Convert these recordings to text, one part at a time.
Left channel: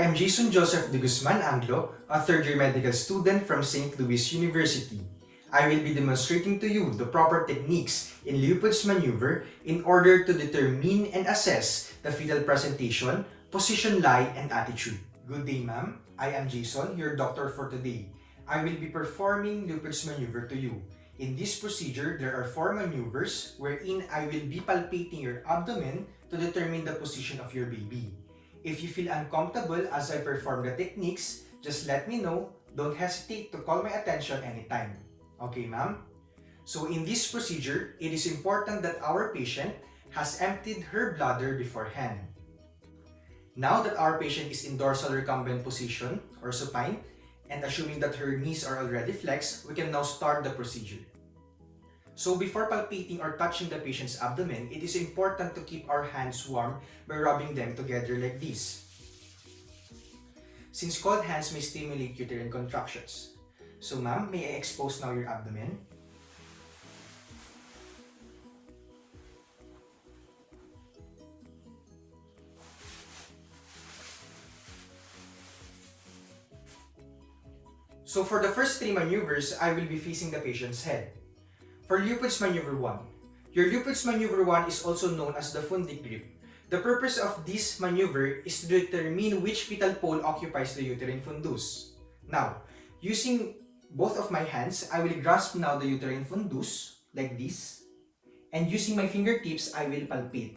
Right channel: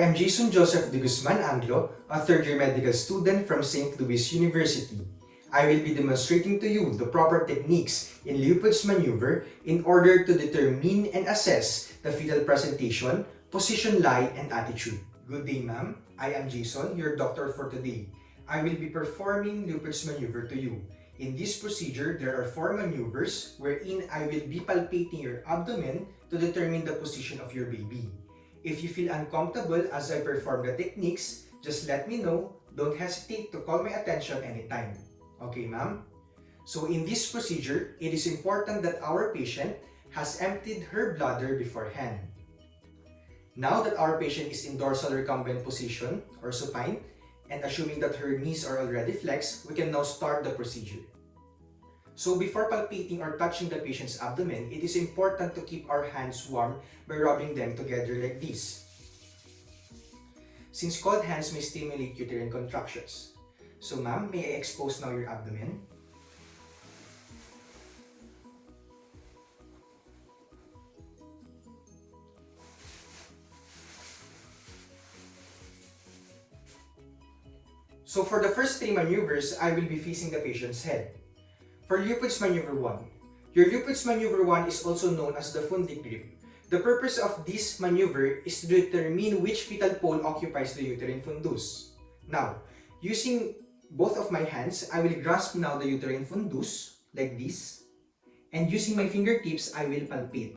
I am Jason Joseph de Guzman Anglo, a third-year medical student from St. Louis University. I will be demonstrating to you the proper techniques in Leopold's maneuver in order to determine and assess the fetal presentation, position lie, and attitude. Good day, ma'am. I am Jason, your doctor for today. I will be performing Leopold's maneuver to you. In this procedure, there are 4 maneuvers wherein I will be palpating your abdomen to determine the position of your baby. If you feel uncomfortable as I perform the techniques, just let me know. Don't hesitate to call my attention anytime. Okay, ma'am? So in this procedure, it is important that our patient has emptied her bladder beforehand. Now that our patient is in dorsal recumbent position or supine, and assuming that her knees are already flexed, we can now start the procedure. So before palpating or touching the patient's abdomen, it is important to keep our hands warm by rubbing them together like this, since cold hands may stimulate uterine contractions. So ma'am, may I expose now your abdomen? So for the first 3 maneuvers, I will be facing the patient's head. For Leopold's Maneuver 1, your Leopold's Maneuver 1 is also known as the fundic grip. The purpose of this maneuver is to determine which fetal pole occupies the uterine fundus. Now, using both of my hands, I will grasp now the uterine fundus like this, and using my fingertips, I will palpate.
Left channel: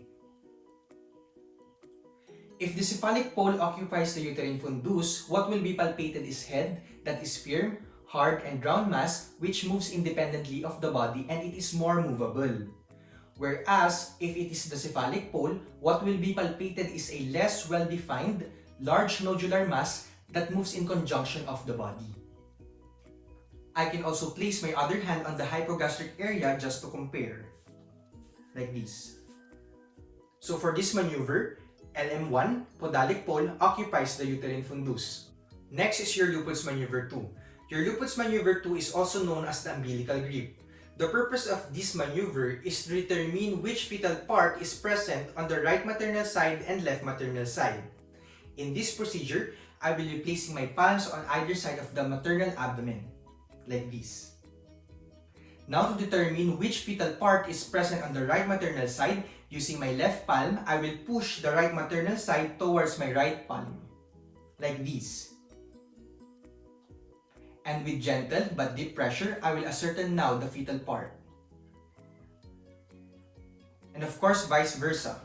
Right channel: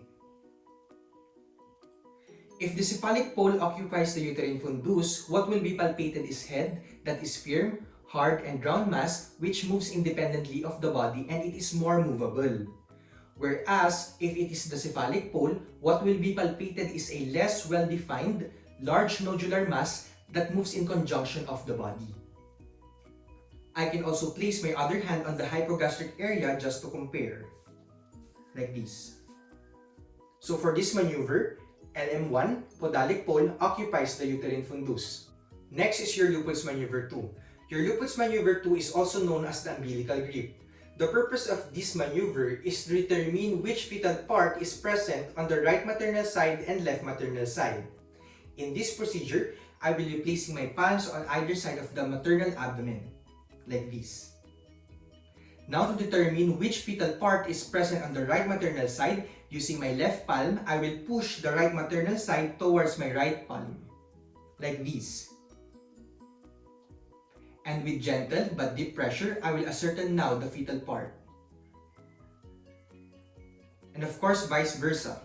If the cephalic pole occupies the uterine fundus, what will be palpated is head that is firm, hard, and round mass which moves independently of the body and it is more movable. Whereas, if it is the cephalic pole, what will be palpated is a less well-defined, large nodular mass that moves in conjunction of the body. I can also place my other hand on the hypogastric area just to compare, like this. So for this maneuver, LM1, podalic pole, occupies the uterine fundus. Next is your Leopold's Maneuver 2. Your Leopold's Maneuver 2 is also known as the umbilical grip. The purpose of this maneuver is to determine which fetal part is present on the right maternal side and left maternal side. In this procedure, I will be placing my palms on either side of the maternal abdomen, like this. Now to determine which fetal part is present on the right maternal side, using my left palm, I will push the right maternal side towards my right palm, like this. And with gentle but deep pressure, I will ascertain now the fetal part. And of course, vice versa.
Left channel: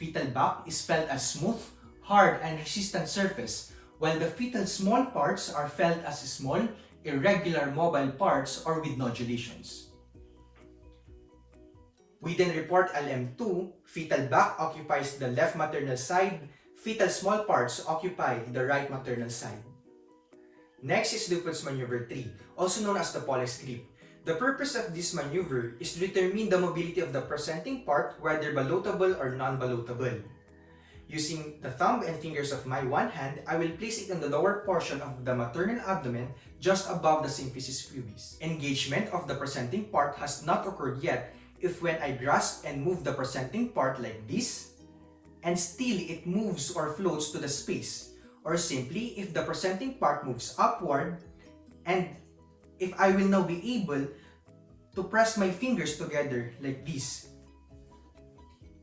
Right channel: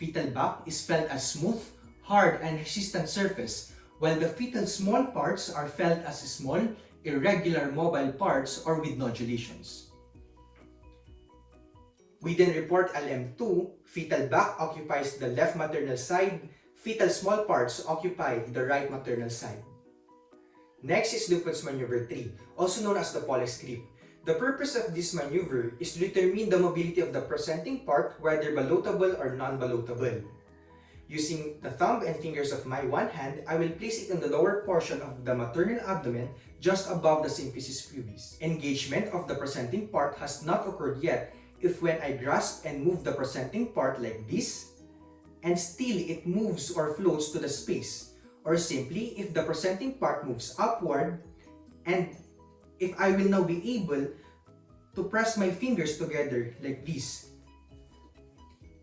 Fetal back is felt as smooth, hard, and resistant surface, while the fetal small parts are felt as small, irregular mobile parts or with nodulations. We then report LM2, fetal back occupies the left maternal side, fetal small parts occupy the right maternal side. Next is Leopold's Maneuver 3, also known as the Pollex grip. The purpose of this maneuver is to determine the mobility of the presenting part, whether ballotable or non-ballotable. Using the thumb and fingers of my one hand, I will place it on the lower portion of the maternal abdomen just above the symphysis pubis. Engagement of the presenting part has not occurred yet if when I grasp and move the presenting part like this, and still it moves or floats to the space, or simply if the presenting part moves upward, and if I will now be able to press my fingers together like this.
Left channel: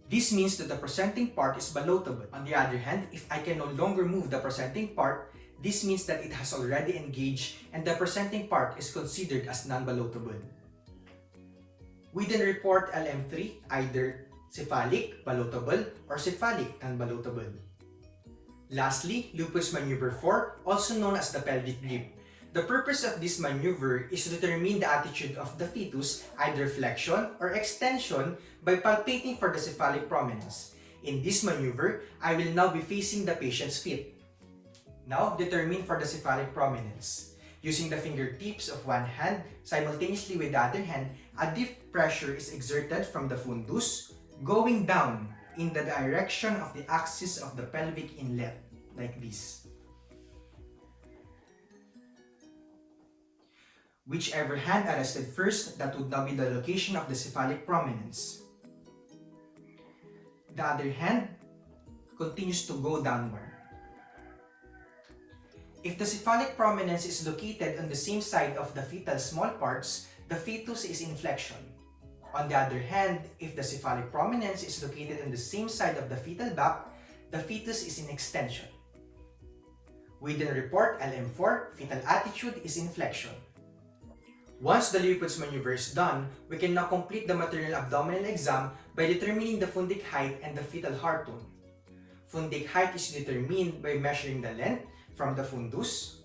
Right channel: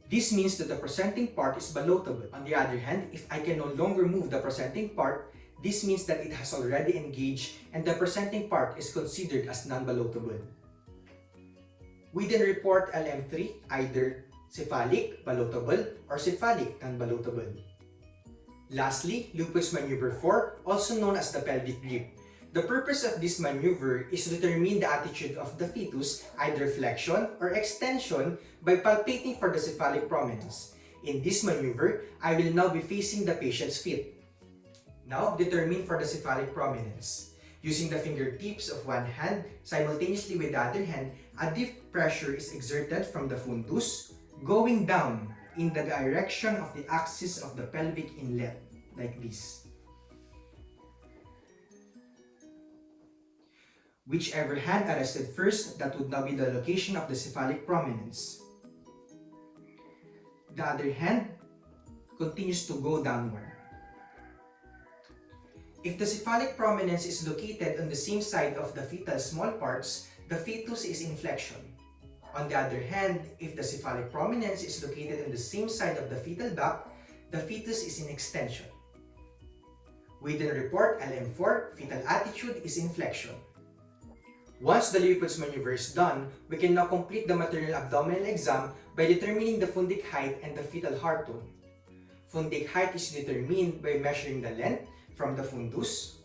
This means that the presenting part is ballotable. On the other hand, if I can no longer move the presenting part, this means that it has already engaged and the presenting part is considered as non-ballotable. We then report LM3, either cephalic, ballotable, or cephalic, non-ballotable. Lastly, Leopold's Maneuver 4, also known as the pelvic grip. The purpose of this maneuver is to determine the attitude of the fetus, either flexion or extension, by palpating for the cephalic prominence. In this maneuver, I will now be facing the patient's feet. Now, determine for the cephalic prominence. Using the fingertips of one hand, simultaneously with the other hand, a deep pressure is exerted from the fundus, going down in the direction of the axis of the pelvic inlet, like this. Whichever hand arrested first, that would now be the location of the cephalic prominence. The other hand continues to go downward. If the cephalic prominence is located on the same side of the fetal small parts, the fetus is in flexion. On the other hand, if the cephalic prominence is located on the same side of the fetal back, the fetus is in extension. We then report LM4, fetal attitude is in flexion. Once the Leopold's maneuver is done, we can now complete the maternal abdominal exam by determining the fundic height and the fetal heart tone. Fundic height is determined by measuring the length from the fundus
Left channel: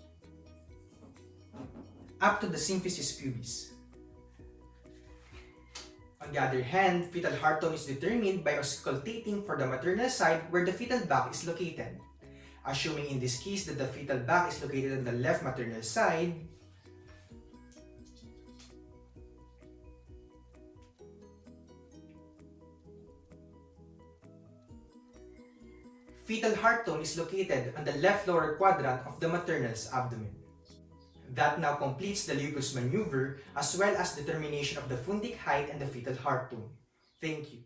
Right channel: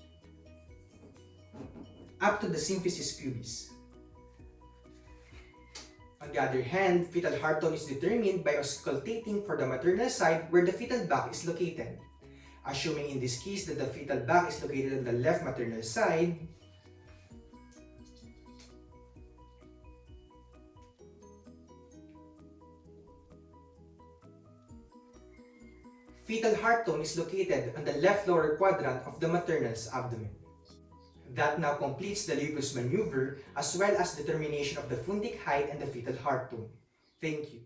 up to the symphysis pubis. On the other hand, fetal heart tone is determined by auscultating for the maternal side where the fetal back is located. Assuming in this case that the fetal back is located on the left maternal side, fetal heart tone is located on the left lower quadrant of the maternal's abdomen. That now completes the Leopold's maneuver as well as determination of the fundic height and the fetal heart tone. Thank you.